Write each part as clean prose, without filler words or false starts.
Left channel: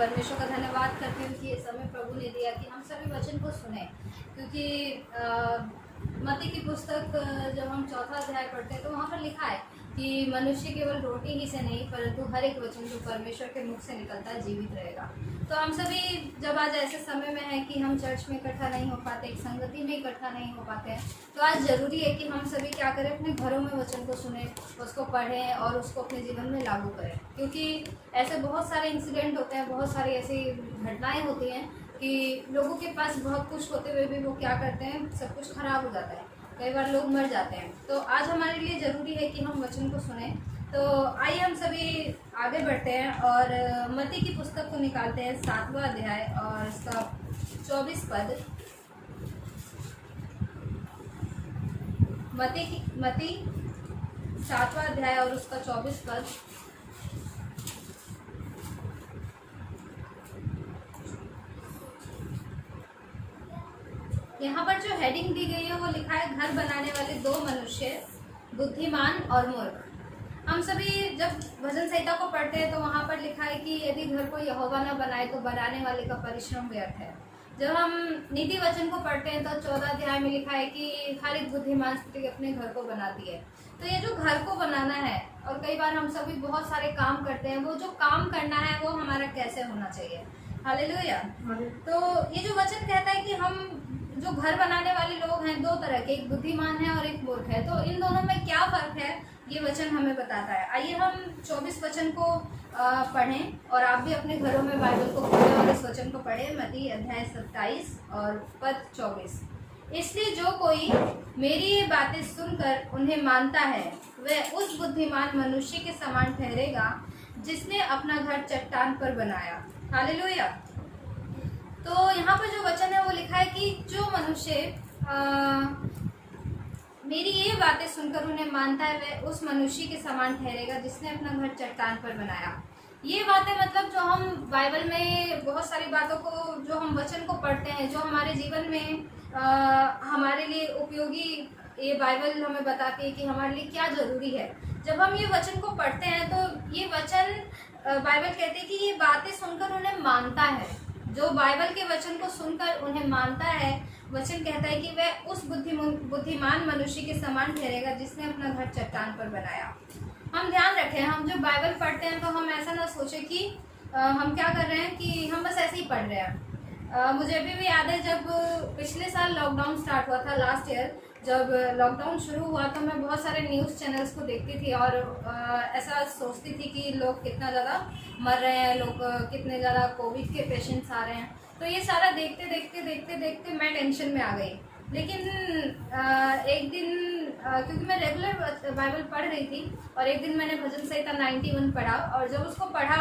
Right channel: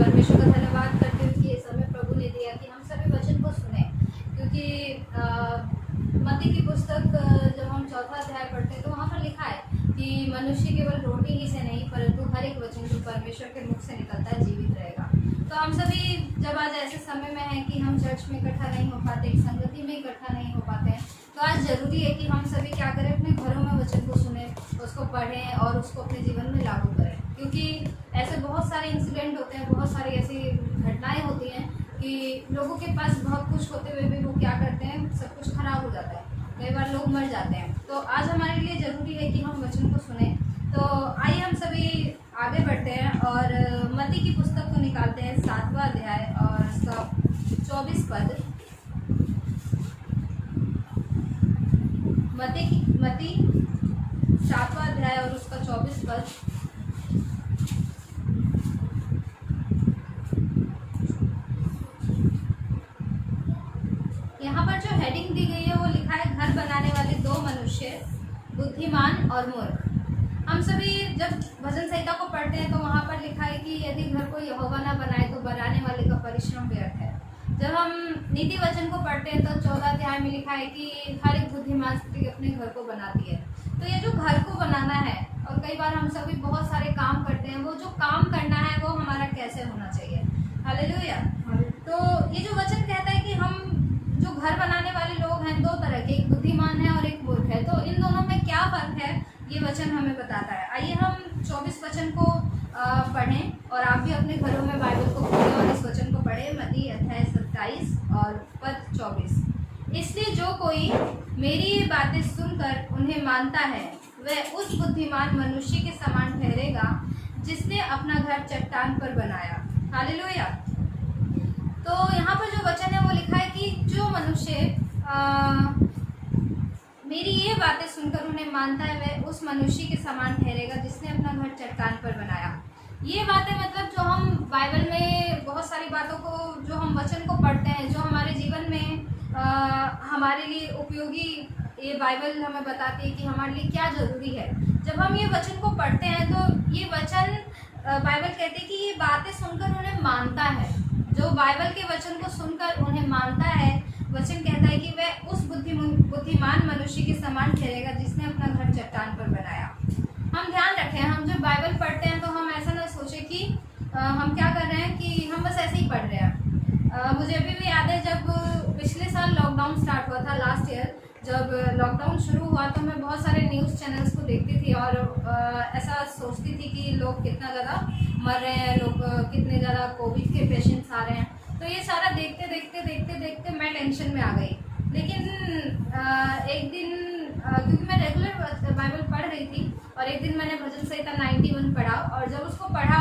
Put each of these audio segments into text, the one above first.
परमेश्वर का धन्यवाद करती हूँ कि ये समय प्रभु ने दिया कि हम सभी वचन को सुने, क्योंकि मत्ती की पुस्तक जब हम 4वां अध्याय पढ़ते हैं तो वहाँ पर लिखा है कि मनुष्य केवल रोटी ही से नहीं परंतु हर एक वचन जो परमेश्वर के मुख से निकलता है जीवित रहेगा। तो हम सभी जब आज ऐसे समय में हैं कि हम चर्च में इकट्ठा नहीं हो पाते, एक संगति में इकट्ठा नहीं हो पाते हैं, तो आज ज़रूरी है कि हम सभी क्या करें, अपने घरों में वचन को सुने, उसको पढ़ें और उसको अपने जीवन में लागू करें। क्योंकि ऐसे बहुत सारे इंसिडेंट होते हैं, बहुत सारी ऐसी घटनाएँ होती हैं कि लोगों के पास बहुत कुछ होते हुए भी वो क्या करते हैं, सब कुछ खराब हो जाता है, कई बार लोग मर जाते हैं। तो आज हमारे लिए ज़रूरी है कि हम वचन को सुने। तो आइए हम सभी आगे बढ़ते हैं और मत्ती की पुस्तक को निकालते हैं 7वां अध्याय और उसका 24 पद। मत्ती 7वां अध्याय और उसका 24 पद। यहाँ पर जो हेडिंग दी गई है वो लिखा है, घर बनाने वाले दो मनुष्य, बुद्धिमान और मूर्ख। हम सभी जब भजन संहिता को पढ़ते हैं तो वहाँ पर लिखा है कि यदि घर को यहोवा न बनाए तो बनाने वाले का परिश्रम व्यर्थ है। जब हम नीति वचन को पढ़ते हैं तो 14 अध्याय में लिखा है कि हर एक बुद्धिमान स्त्री अपने घर को बनाती है। तो ये जो घर को बनाना है, और कई बार हम सभी बहुत सारे काम करते हैं, वो जो काम करना है वो हमारा कैसे होना चाहिए। हालेलुया। तो ये जो वचन कहता है कि हम जो घर बनाने वाले लोग हैं, दो तरह के, एक बुद्धिमान है और एक मूर्ख है। तो इन दोनों में क्या फर्क है ये वचन हमें बताता है। आइए हम 24 वचन को पढ़ें और आप भी अपने घरों में बाइबल को खोलें और इस वचन को पढ़ें। मत्ती अध्याय 27 और पद 24। इसलिए जो कोई मेरी ये बातें सुनकर उन्हें मानता है वह उस बुद्धिमान मनुष्य के समान ठहरेगा जिसने अपना घर चट्टान पर बनाया। हालेलुया। तो यहाँ पर जो वचन है वो लिखा है कि जो मनुष्य मेरी ये बातें सुनकर उन्हें मानता है वह उस मनुष्य के समान ठहरेगा जिसने अपना घर चट्टान पर बनाया। ये बातें मतलब जो हम बाइबल में बहुत सारी बातों को, जो हम वचन को पढ़ते हैं, जो हमारे जीवन में हमारे लिए उपयोगी, ये बाइबल हमें बताती है कि हमारे लिए क्या ज़रूरी है। जब हम ये वचन को पढ़ते हैं तो ये वचन बाइबल कहती है कि ये बातें सुनकर उन्हें मानता है। जो बाइबल के वचन को सुनकर उन्हें मानता है, वचन कहता है कि वह उस बुद्धिमान मनुष्य के समान ठहरेगा जिसने अपना घर चट्टान पर बनाया। हम ध्यान रखें, हम जब बाइबल पढ़ते हैं तो हम ऐसा ना सोचें कि हम क्या कर रहे हैं कि हम बस ऐसे ही पढ़ रहे हैं। मुझे अभी भी याद है जब पिछले साल लॉकडाउन स्टार्ट हुआ था, लास्ट ईयर जब लॉकडाउन शुरू हुआ तो मैं बहुत सारे न्यूज़ चैनल्स को देखती थी और ऐसा सोचती थी कि लोग कितना ज़्यादा मर रहे हैं, लोग कितने ज़्यादा कोविड के पेशेंट्स आ रहे हैं। तो ये सारा देखते देखते मैं टेंशन में आ गई। लेकिन एक दिन क्योंकि मैं रेगुलर बाइबल पढ़ रही थी और एक दिन मैंने भजन संहिता 91 पढ़ा और जब उसको पढ़ा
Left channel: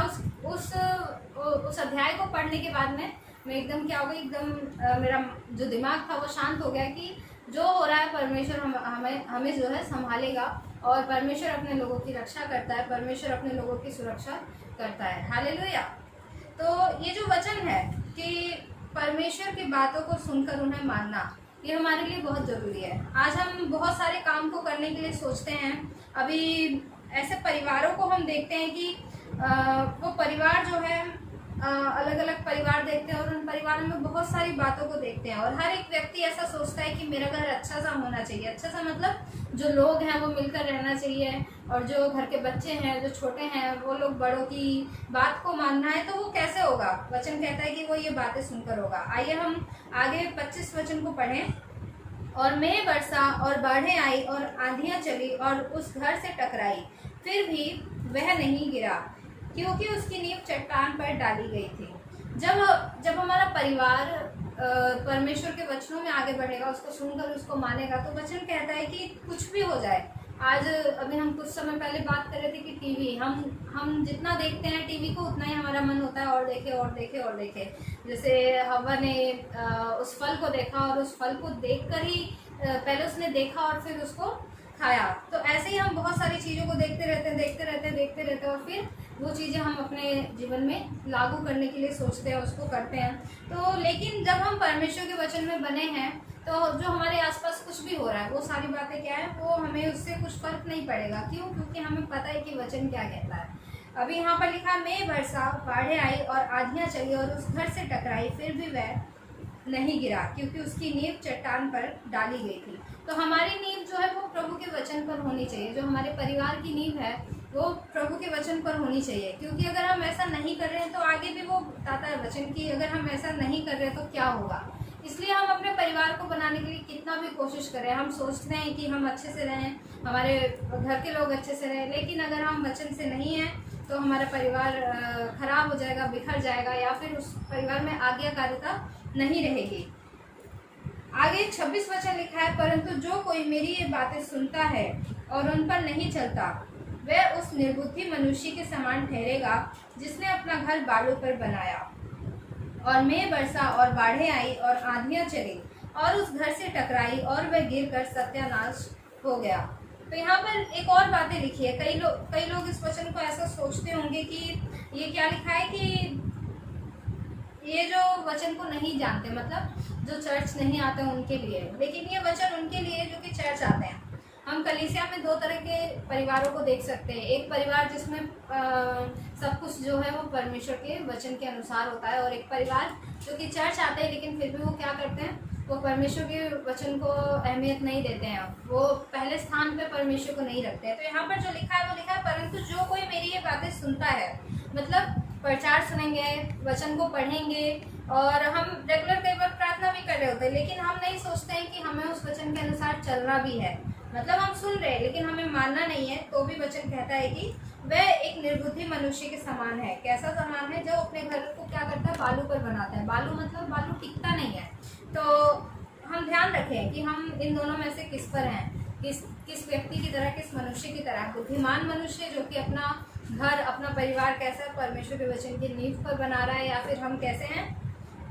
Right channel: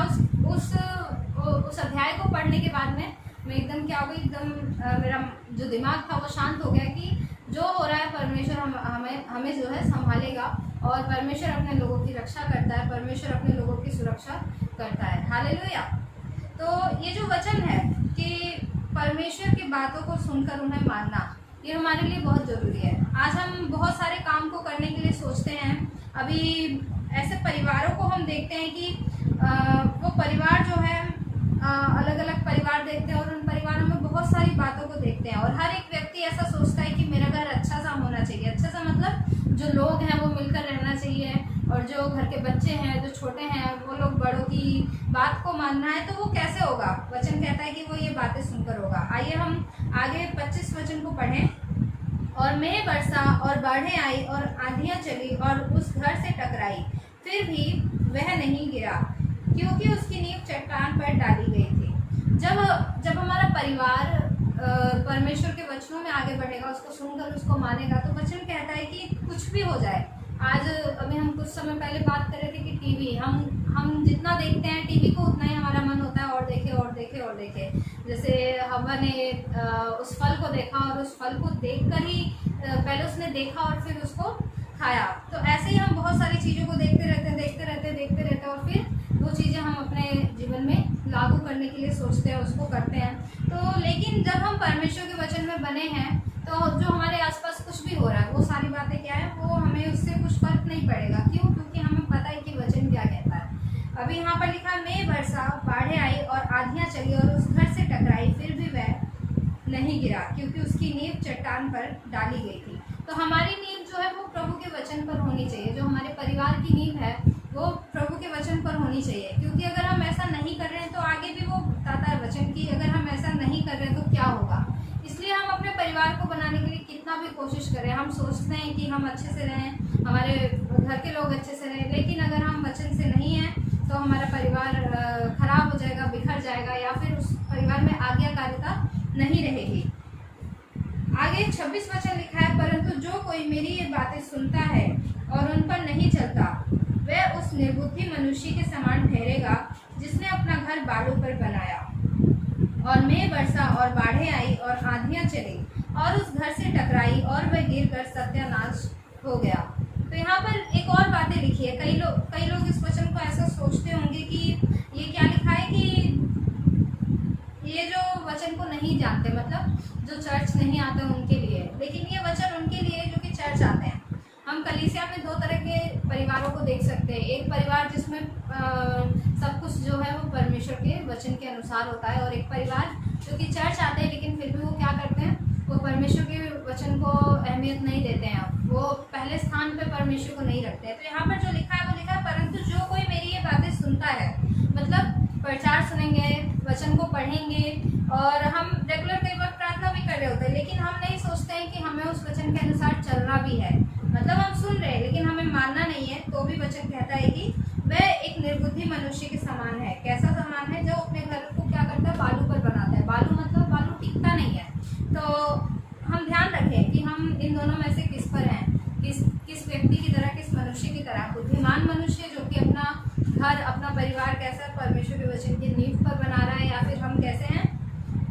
उस अध्याय को पढ़ने के बाद में मैं एकदम क्या हो गई, एकदम मेरा जो दिमाग था वो शांत हो गया कि जो हो रहा है परमेश्वर हमें जो है संभालेगा और परमेश्वर अपने लोगों की रक्षा करता है, परमेश्वर अपने लोगों की सुरक्षा करता है। हालेलुया। तो ये जो वचन है कि परमेश्वर की बातों को सुनकर उन्हें मानना, ये हमारे लिए बहुत ज़रूरी है। आज हम बहुत सारे काम को करने के लिए सोचते हैं। अभी ऐसे परिवारों को हम देखते हैं कि वो परिवार जो है अलग अलग परिवार देखते हैं और उन परिवारों में बहुत सारी बातों को देखते हैं और हर एक व्यक्ति ऐसा सोचता है कि मेरा घर अच्छा सा होना चाहिए। अच्छा सा मतलब जो लोग हैं वो मिलकर रहना चाहिए और जो घर के बच्चे हैं, जो छोटे हैं, वो लोग बड़ों की बात को मानना है। तो वो कैसे होगा? वचन कहता है कि वो ये बातें सुनकर होगा। आइए हम आगे 25 वचन को पढ़ें। और मेघ बरसा और बाढ़ें आई और आंधियां चली और उस घर से टकराई, फिर भी वह नहीं गिरा क्योंकि उसकी नींव चट्टान पर डाली गई थी। जब हमारा परिवार परमेश्वर के वचनों में आगे बढ़ेगा, उसको सुनकर उसको मानेगा, तो वचन कहता है कि कुछ भी हो जाए। आज अभी हम कुछ समय पहले बात कर रहे थे कि टीवी, हम जितना देखते हैं टीवी को उतना ही हमारा मन होता है और देखे और देखे और देखे। जैसे हवा ने उस फल को देखा और उस फल को देखकर ही पहले उसने देखा और फिर उसको खाया। तो ऐसे ही हम बहुत सारी चीज़ों को देखते रहते और फिर वो चीज़ें हम अपने जीवन में लागू करने के लिए सोचते हैं, उसको करते हैं। तो लेकिन जब हम परमेश्वर के वचन में बने हैं तो जो हमारे आसपास कुछ भी हो रहा है वो सारी बातें क्या है, वो हमें उससे कुछ फर्क नहीं पड़ेगा। क्यों? क्योंकि हमें पता है कि वचन क्या कहता है। अभी यहाँ पर लिखा, मैं बरसा, बाढ़ें आई और आंधियाँ चली और उस घर से टकराई, फिर भी वह नहीं गिरा, क्योंकि उसकी नींव चट्टान पर डाली गई थी। तो हमारी नींव जो है वो प्रभु के वचन पर होनी चाहिए। जो हमारे परिवार की नींव है वो प्रभु के वचन पर होनी चाहिए, क्योंकि अगर हम ऐसा नहीं कर रहे हैं तो आगे भी वो बताता है वचन की, अगर हम ऐसा नहीं कर रहे हैं तो क्या होगा। इसलिए हम अपने परिवार को बनाने के लिए कितना भी कोशिश करें, हम सोचते हैं कि हम अच्छे से रहें, हमारे घर के लोग अच्छे से रहें, लेकिन अगर हम वचन से नहीं हैं तो हमारा परिवार खराब हो जाएगा, बिखर जाएगा, या फिर उस परिवार में आज्ञाकारिता नहीं रहेगी। आगे 26 वचन लिखा है, परंतु जो कोई मेरी ये बातें सुनता है और उन पर नहीं चलता, वह उस निर्बुद्धि मनुष्य के समान ठहरेगा जिसने अपना घर बालू पर बनाया, और मैं बरसा और बाढ़ें आई और आंधियां चली और उस घर से टकराई और वह गिरकर सत्यानाश हो गया। तो यहाँ पर एक और बातें लिखी है। कई लोग इस वचन को ऐसा सोचते होंगे कि ये क्या लिखा है, कि ये जो वचन को नहीं जानते, मतलब जो चर्च नहीं आते उनके लिए, लेकिन ये वचन उनके लिए जो कि चर्च आते हैं। हम कलीसिया में दो तरह के परिवारों को देख सकते हैं। एक परिवार जिसमें सब कुछ जो है वो परमेश्वर के वचन के अनुसार होता है, और एक परिवार जो कि चर्च आते हैं लेकिन फिर भी वो क्या करते हैं, वो परमेश्वर के वचन को अहमियत नहीं देते हैं, वो पहले स्थान पे परमेश्वर को नहीं रखते हैं। तो यहाँ पर जो लिखा है वो लिखा है, परंतु जो कोई मेरी ये बातें सुनता है, मतलब प्रचार सुनेंगे, वचन को पढ़ेंगे, और हम रेगुलर कई बार प्रार्थना भी कर रहे होते हैं, लेकिन हम नहीं सोचते हैं कि हमें उस वचन के अनुसार चलना भी है। मतलब हम सुन रहे हैं लेकिन हमें मानना नहीं है, तो भी वचन कहता है कि वह एक निर्बुद्धि मनुष्य के समान है। कैसा समान है? जो अपने घर को क्या करता है, बालू पर बनाता है। बालू मतलब बालू टिकता नहीं है। तो हम ध्यान रखें कि हम इन दोनों में से किस पर हैं, किस व्यक्ति की तरह, किस मनुष्य की तरह। बुद्धिमान मनुष्य जो कि अपना घर, अपना परिवार कैसे परमेश्वर के वचन की नींव पर बना रहा है, या फिर हम कैसे हैं,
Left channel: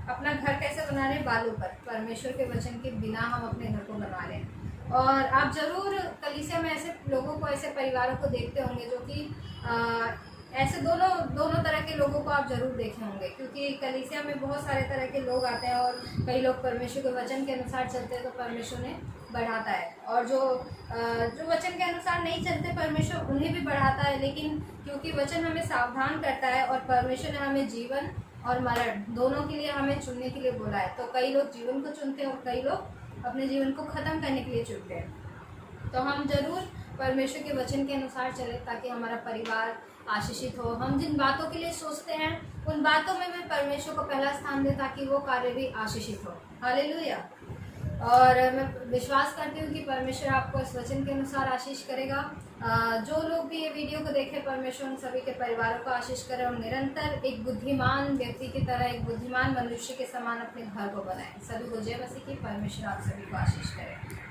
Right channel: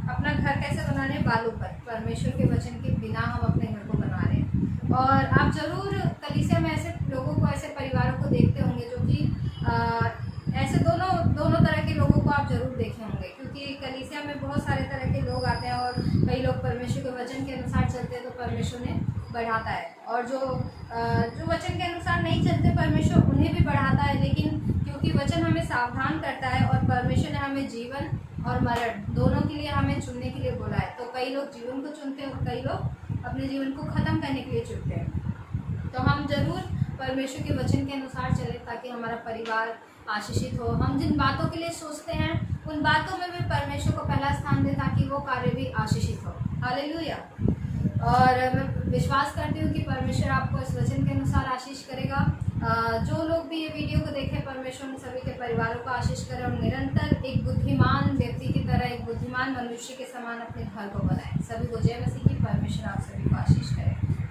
अपना घर कैसे बना रहे हैं, बालू पर, परमेश्वर के वचन के बिना हम अपने घर को बना रहे हैं। और आप जरूर कलीसिया में ऐसे लोगों को, ऐसे परिवारों को देखते होंगे जो कि ऐसे दोनों तरह के लोगों को आप जरूर देखे होंगे, क्योंकि कलीसिया में बहुत सारे तरह के लोग आते हैं, और कई लोग परमेश्वर के वचन के अनुसार चलते हैं तो परमेश्वर ने बढ़ाता है, और जो वचन के अनुसार नहीं चलते परमेश्वर उन्हें भी बढ़ाता है। लेकिन क्योंकि वचन हमें सावधान करता है, और परमेश्वर ने हमें जीवन और मरण दोनों के लिए हमें चुनने के लिए बोला है, तो कई लोग जीवन को चुनते हैं और कई लोग अपने जीवन को ख़त्म करने के लिए चुनते हैं। तो हम जरूर परमेश्वर के वचन के अनुसार चलें, ताकि हमारा परिवार आशीषित हो। हम जिन बातों के लिए सोचते हैं उन बातों में भी परमेश्वर को पहला स्थान दें, ताकि वो कार्य भी आशीषित हो। हालेलुया। और मैं विश्वास करती हूँ कि परमेश्वर आपको इस वचन के अनुसार आशीष करेगा। जो लोग भी ये वीडियो को देखें, परमेश्वर उन सभी के परिवारों को आशीष करे, और निरंतर एक बुद्धिमान व्यक्ति की तरह, एक बुद्धिमान मनुष्य के समान अपने घर को बनाए। सभी को जय मसीह की। परमेश्वर आप सभी को आशीष करे।